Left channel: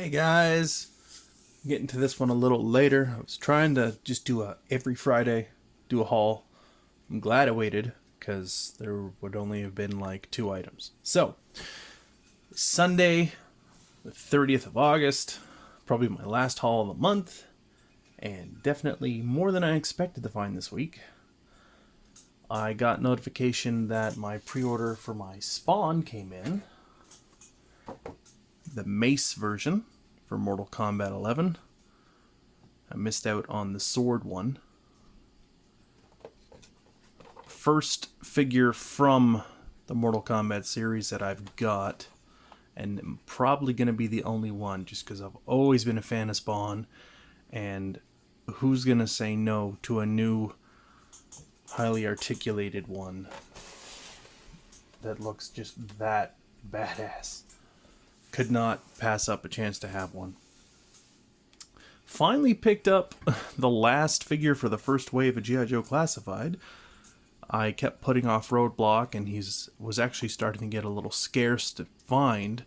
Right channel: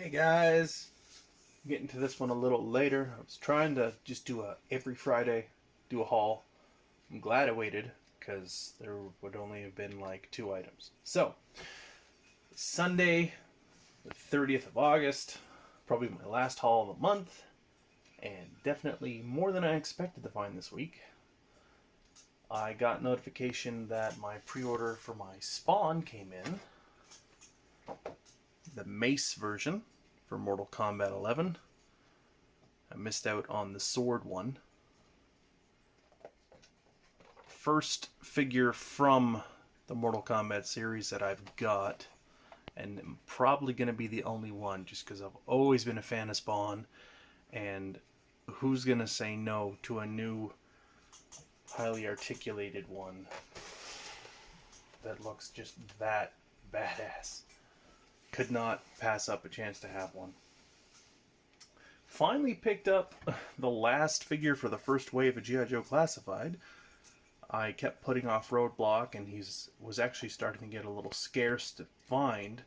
Hey guys, getting to this one a little later. I was trying to just do every Friday do a haul. I'm glad I waited because there would only have been like 2 items. So Sunday, the 30th of August, probably my last haul of the month, and definitely more than I expected to find this week. I got notification that my pre-order for my Spawn came in. The Mace version for Mortal Kombat 11. I missed out on the sword one. First figure from the Mortal Kombat series that I've got, and I'm probably going to be the only one just because I've always been a fan of Spawn, and who's going to say no to a new highly articulated one that looks just that badass? Could not pass up a chance to have one. Finally picked up the last figure for the first wave of G.I. Joe Classified. I kept putting off Roadblock, and was actually starting to get a little scarce to find,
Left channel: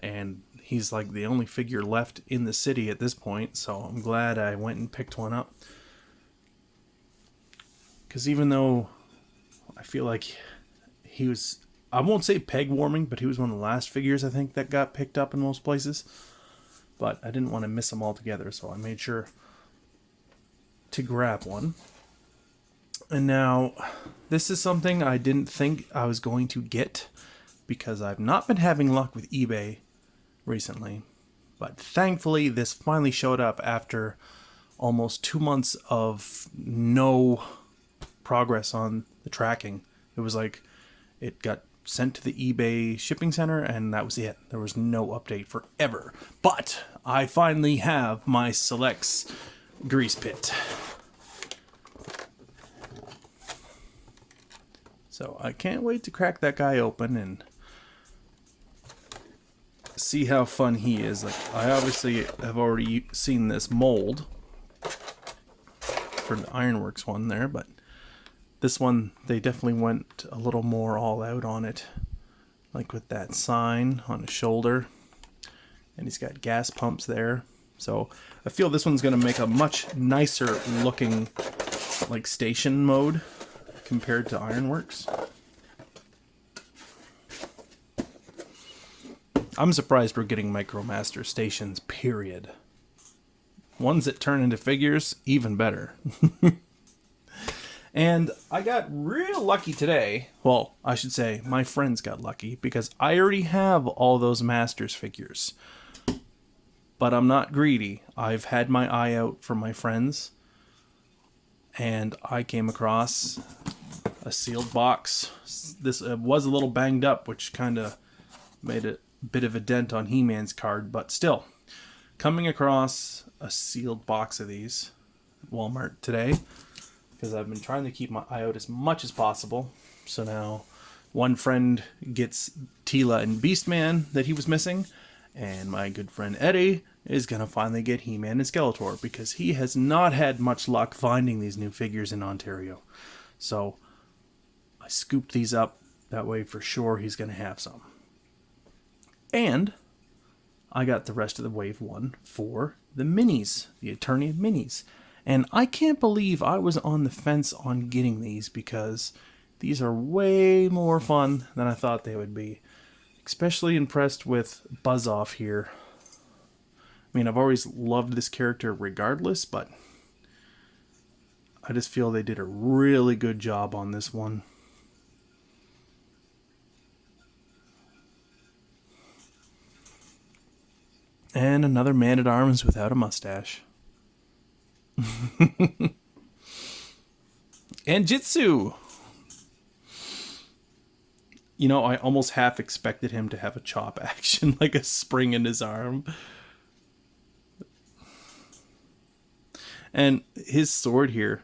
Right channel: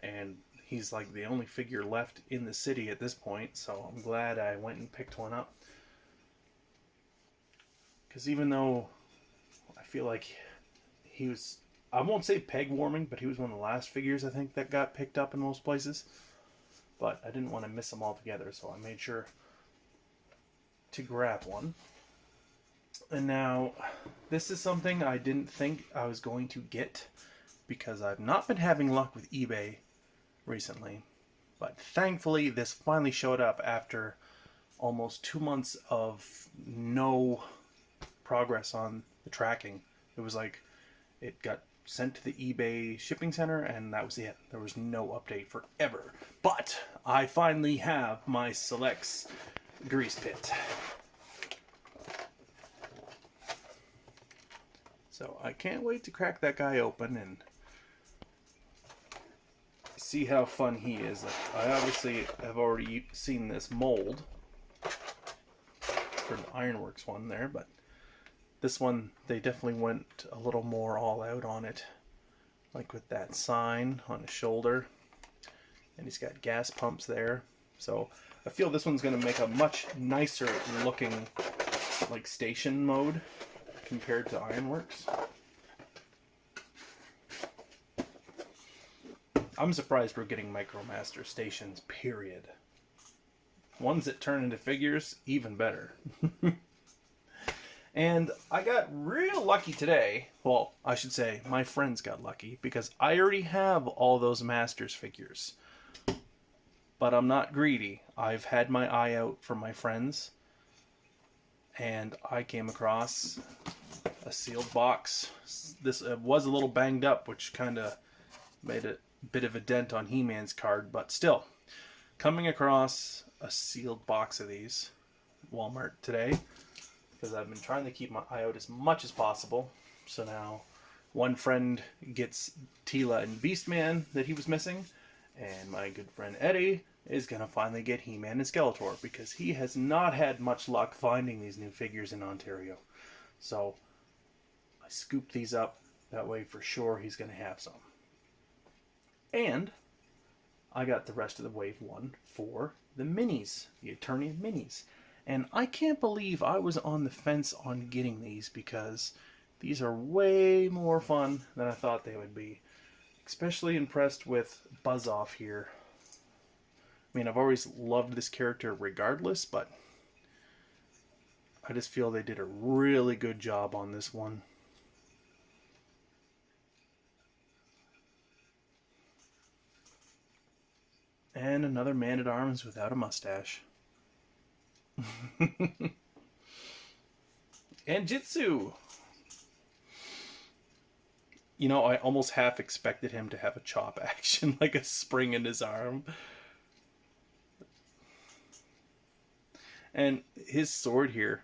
and he's like the only figure left in the city at this point, so I'm glad I went and picked one up. Because even though I feel like he was, I won't say peg warming, but he was one of the last figures I think that got picked up in most places. But I didn't want to miss them altogether, so I made sure to grab one. And now, this is something I didn't think I was going to get because I've not been having luck with eBay recently. But thankfully, this finally showed up after almost 2 months of no progress on the tracking. It was like it got sent to the eBay shipping center and that was it. There was no update forever. But I finally have my SELEX grease pit. So I can't wait to crack that guy open and see how fun he is. Like, I obviously have already seen this mold for the Ironworks one there, but this one, they definitely went a little more all out on it. Like with that sign on his shoulder. And he's got gas pumps there. So I feel this one's going to make a much nicer looking like station mode compared to Ironworks. I'm surprised we're getting MicroMaster stations, period. Ones that turn into figures, even better. And I got real lucky today. Well, I should say my friends got lucky because I already have all those Masters figures. But I'm not greedy. I've had my eye out for my friends. And I came across a sealed box. This was a little banged up, which kind of made a bit of a dent on He-Man's card. But still, coming across a sealed box of these at Walmart today, because I've been trying to keep my eye out as much as possible. So now one friend gets Tila and Beastman that he was missing, and my good friend Eddie is going to finally get He-Man and Skeletor because he has not had much luck finding these new figures in Ontario. So I scooped these up. That way for sure he's going to have some. And I got the rest of the Wave 1 for the minis, the Eternia minis. And I can't believe I was on the fence on getting these because these are way more fun than I thought they would be. Especially impressed with Buzz Off here. I mean, I've always loved this character regardless, but I just feel they did a really good job on this one. And another Man-at-Arms without a mustache. And Jitsu. You know, I almost half expected him to have a chop action, like a spring in his arm. And his sword here,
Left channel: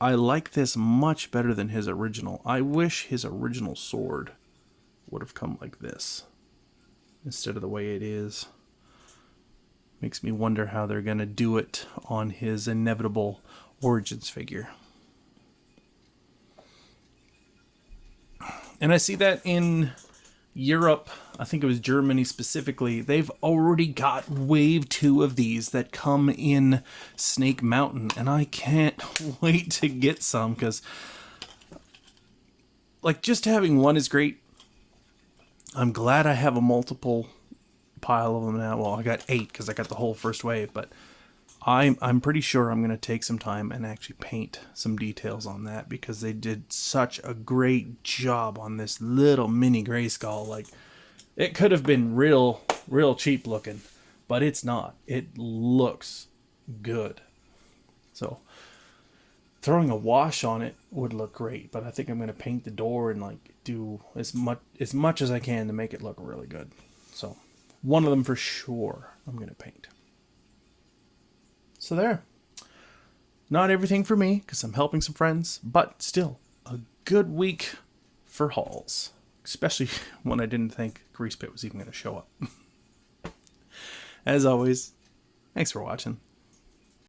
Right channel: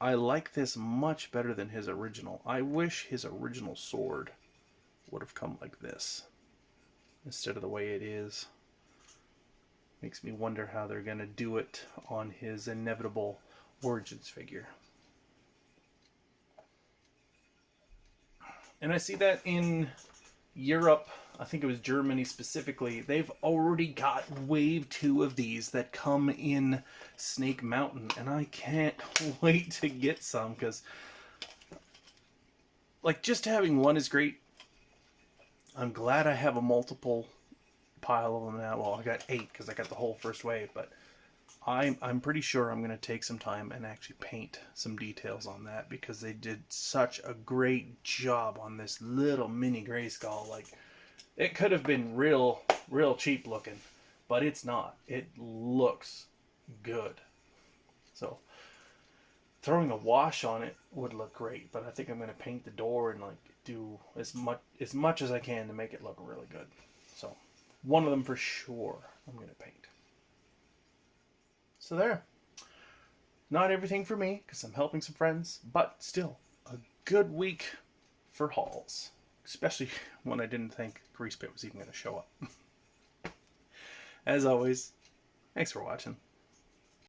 I like this much better than his original. I wish his original sword would have come like this instead of the way it is. Makes me wonder how they're going to do it on his inevitable Origins figure. And I see that in Europe, I think it was Germany specifically, they've already got wave 2 of these that come in Snake Mountain, and I can't wait to get some, because like just having one is great. I'm glad I have a multiple pile of them now. Well, I got 8 because I got the whole first wave, but I'm pretty sure I'm going to take some time and actually paint some details on that, because they did such a great job on this little mini Grayskull. Like, it could have been real cheap looking, but it's not. It looks good. So throwing a wash on it would look great, but I think I'm going to paint the door and like do as much as I can to make it look really good. So one of them for sure I'm going to paint. So there. Not everything for me, because I'm helping some friends, but still a good week for hauls. Especially when I didn't think Grease Pit was even going to show up. As always, thanks for watching.